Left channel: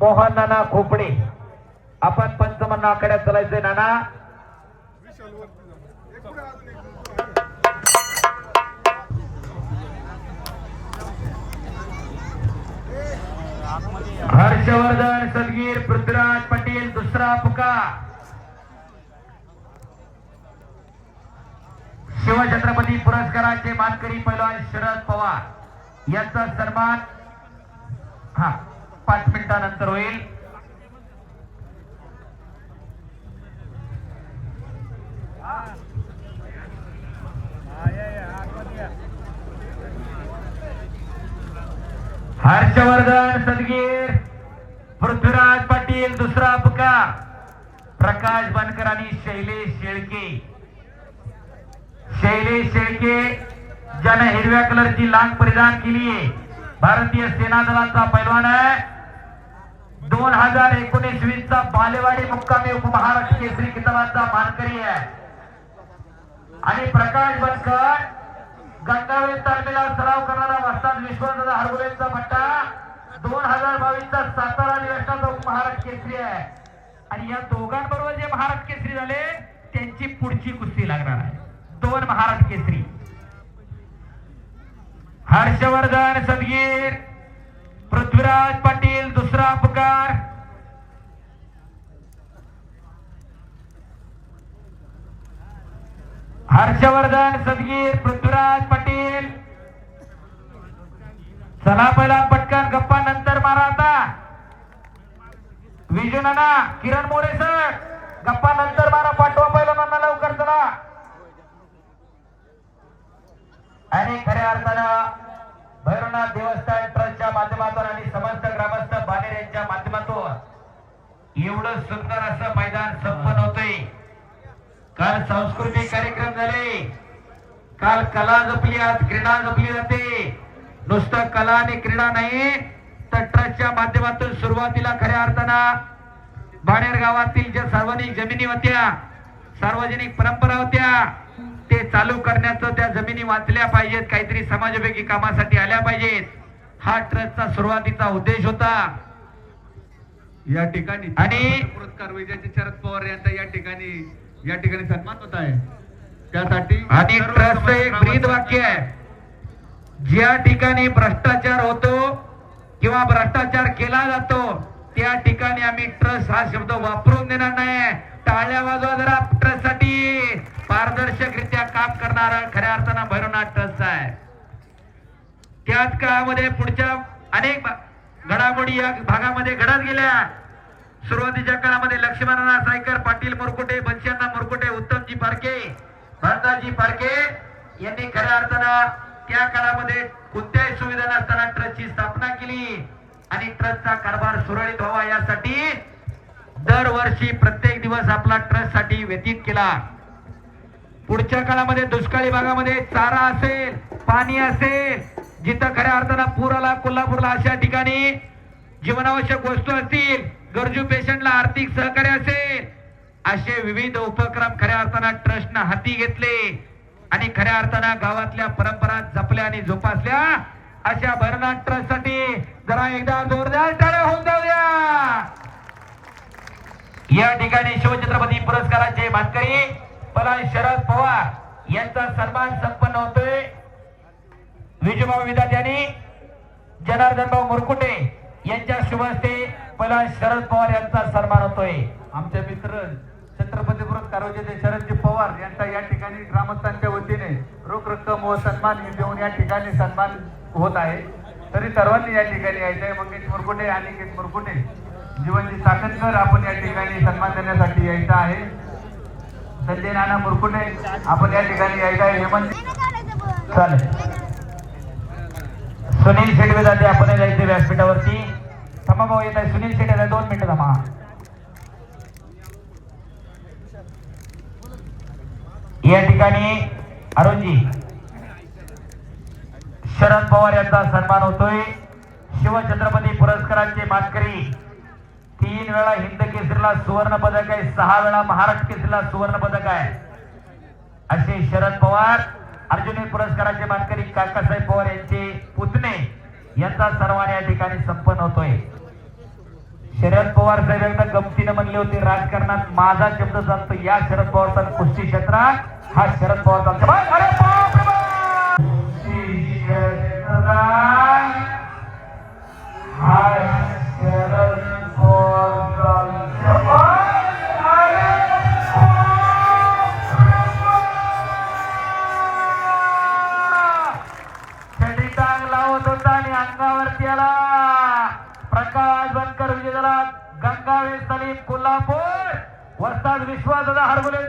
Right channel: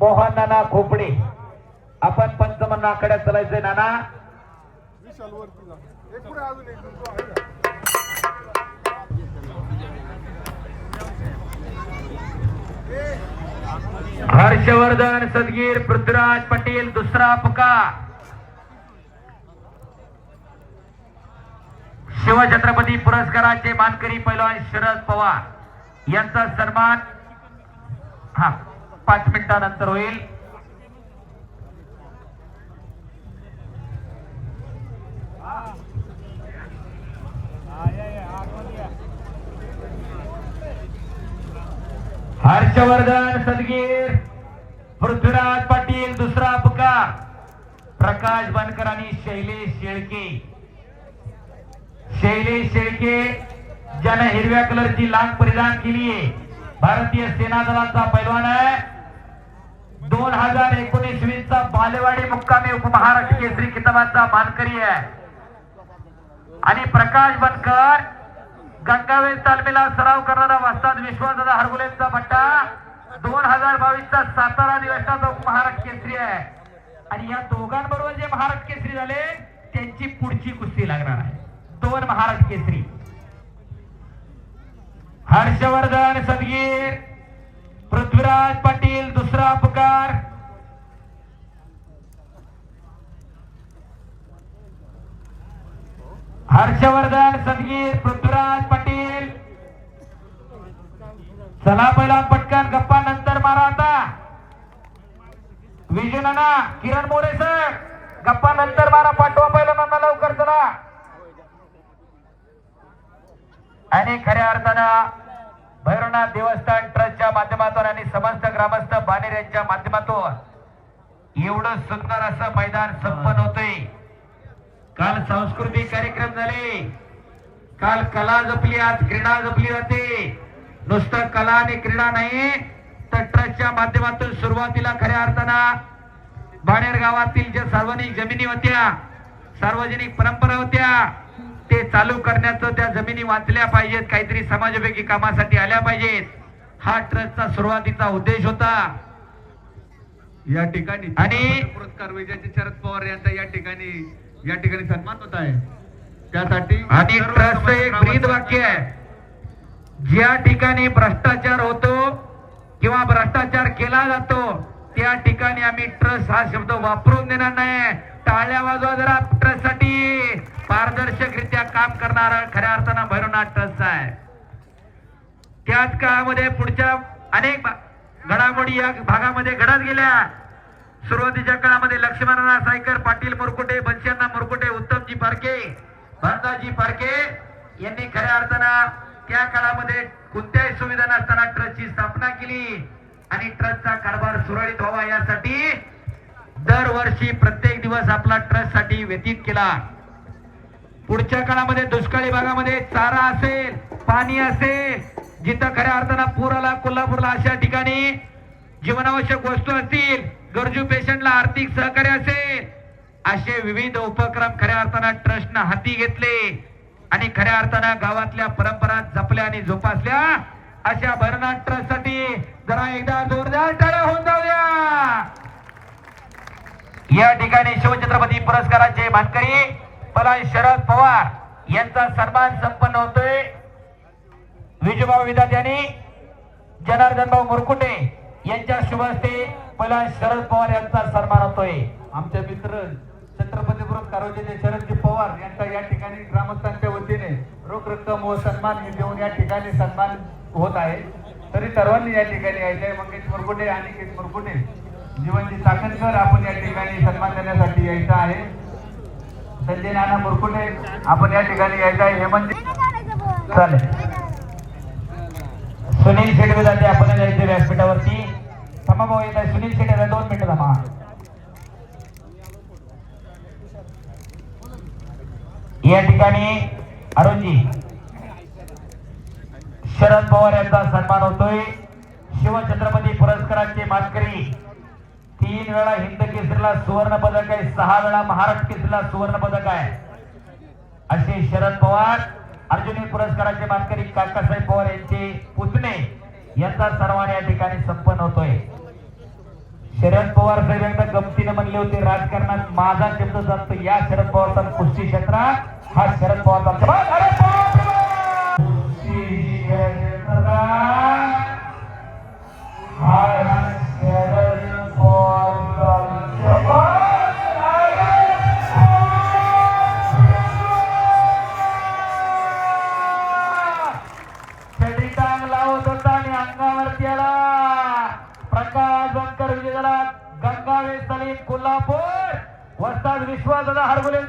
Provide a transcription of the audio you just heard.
मोहन नाना खोपडे. आपण पंचमन आकड्यात चलायचे नाना. हर्षवर्धन सदगीर पृथ्वीराज पटेल दुसरा पुका. शिवछत्रपती पुरस्काराचे मानकरी पैलवान शरद पवार यांचा सन्मान. हा पाच मिनिटानंतर होईल. हर्षवर्धन सदगीर पृथ्वीराज पाटील दुसरा अपका प्रकाश बनकर आणि शैलेश शेळके. शैलेश शेळके ज्याने हिरव्या कलरची लांग परिधान केली आहे भारतीय सेना दलाचा पैलवान आहे. दोन हजार एकोणीस वीस चा बालेवाडी मुक्कामी उपमहाराष्ट्र केसरी किताबाचा मानकरी आहे. आणि प्रकाश बनकर गंगावेल तालमेला सराव करणारा वस्ताद विश्वनाथ हरगुलेंचा पट्टा दोन हजार बावीस चा सातारा अधिवेशनाचा महाराष्ट्र केसरी आहे. आणि या दोघांबरोबर जे महाराष्ट्र केसरी झाले त्यांची पुढची कुस्ती लागणार आहे. दोन महाराष्ट्र केसरी. हर्षवर्धन सदगीर पृथ्वीराज पाटील दुसरा अपकार. हर्षवर्धन सदगीर एवढं सुंदर असं मैदान संपन्न होतंय. काल सांस्कृतिक कार्यक्रम झाले. काल कला जपली आज क्रीडा जपली जाते. नुसतं कला आणि क्रीडा नाही तर ट्रस्टच्या माध्यमातून सुरुवातीला खऱ्या अर्थानं बाणेर गावातील ज्या सार्वजनिक जमिनी होत्या सार्वजनिक परंपरा होत्या ते चालू करण्याचं त्या जमिनी वाचल्या पाहिजेत. काहीतरी समाजोपयोगी कामासाठी आल्या पाहिजेत. हा ट्रस्टचा सुरुवातीचा उद्देश होता. या ठिकाणी आणि- पुरस्कार विजेते शरद पवार यांचा या ठिकाणी या ठिकाणी सन्मान होत आहे. त्यासाठी आणि समाज एक ब्रीद वाक्य आहे. ज्या ठिकाणी भ्रष्टाचार होतो किंवा भ्रष्टाचार केला जातो त्या ठिकाणी आम्ही ट्रस्ट हा शब्द वापरून देणार नाही. टाळ्या वाजवा जरा ट्रस्टसाठी पारदर्शकरित्या काम करणारा खऱ्या अर्थानं भैरवनाथ ट्रस्ट आहे. त्याच काळामध्ये पुढच्या अनेक घडामोडी या भागामध्ये घडत गेल्या. सुरुवातीच्या काळामध्ये लक्ष्मणराव सायकर पाटील मुरकुटे बंशांना मुरकुटे उत्तमजी पारखे भरताजी पारखे यांनी खऱ्या अर्थानं त्या काळामध्ये कोणत्याही सुविधा नसताना ट्रस्टची स्थापना केली आणि ट्रस्टचा कारभार सुरळीत व्हावा यासाठी दरवर्षी प्रत्येक दिवस आपला ट्रस्टसाठी व्यतीत केला. पुढच्या काळामध्ये दुष्काळी भागामध्ये चारा असेल पाणी असेल जिथं खऱ्या अर्थानं पूर आला कोल्हापूरला अशा ठिकाणी जीवनावश्यक वस्तू असतील गरजू पेशंटला आर्थिक सहकार्य असेल असे विविध उपक्रम खऱ्या अर्थानं ट्रस्टनं हाती घेतले आणि खऱ्या अर्थानं गावातल्या परंपरा जपल्या आणि जोपासल्या अशा भरनाथ ट्रस्टसाठी जरा एकदा जोरदार टाळ्या होऊन जाऊया. या ठिकाणी शिवछत्रपती पुरस्काराचे मानकरी पलान शरद पवार यांचा सन्मान संपन्न होतोय. विजयभाऊ विधात यांनी जनार्दन भाऊ मुरकुटे यांच्या शुभ हस्ते पलान शरद पवार यांचा सन्मान होतोय. आमचे मित्र छत्रपती पुरस्कार शरदजी पवार यांचा या ठिकाणी ग्रामस्थांच्या वतीने रोख रक्कम व सन्मान हे देऊन या ठिकाणी सन्मान होत आहे. तरी सर्वांनी या ठिकाणी यायचं आहे. मंगेश मुरकुटे आणि मुरकुटे जीवनजी साखरकर आपण या ठिकाणी सन्मान देण्यासाठी यायचं आहे. संजय नाना मुरकुटे आपण या ठिकाणी यायचं आहे. हेमंत चालेल. सुनील शेडवे जाते आपण जायचे व्यासपीठावरती. थांबा भाऊ येत आहे सुनील शेडे दोन मिनिटं थांबा. या ठिकाणी अरुणजी शरद पवार यांचा सन्मान होतोय. शिवछत्रपती पुरस्काराचे मानकरी तीन वेळा हिंद केसरीला सुवर्ण पदक आहे. सहा वेळा महाराष्ट्र केसरीला सुवर्ण पदक आहे. असे शरद पवार अर्जुनी पुरस्काराचे मानकरी काका शरद पवार साहेब एकदा गमतीनं म्हणले होते राजकारणात माझा शब्द जातो या शरद पवारचा कुस्ती क्षेत्रात हा शरद पवारचा बनकर विजय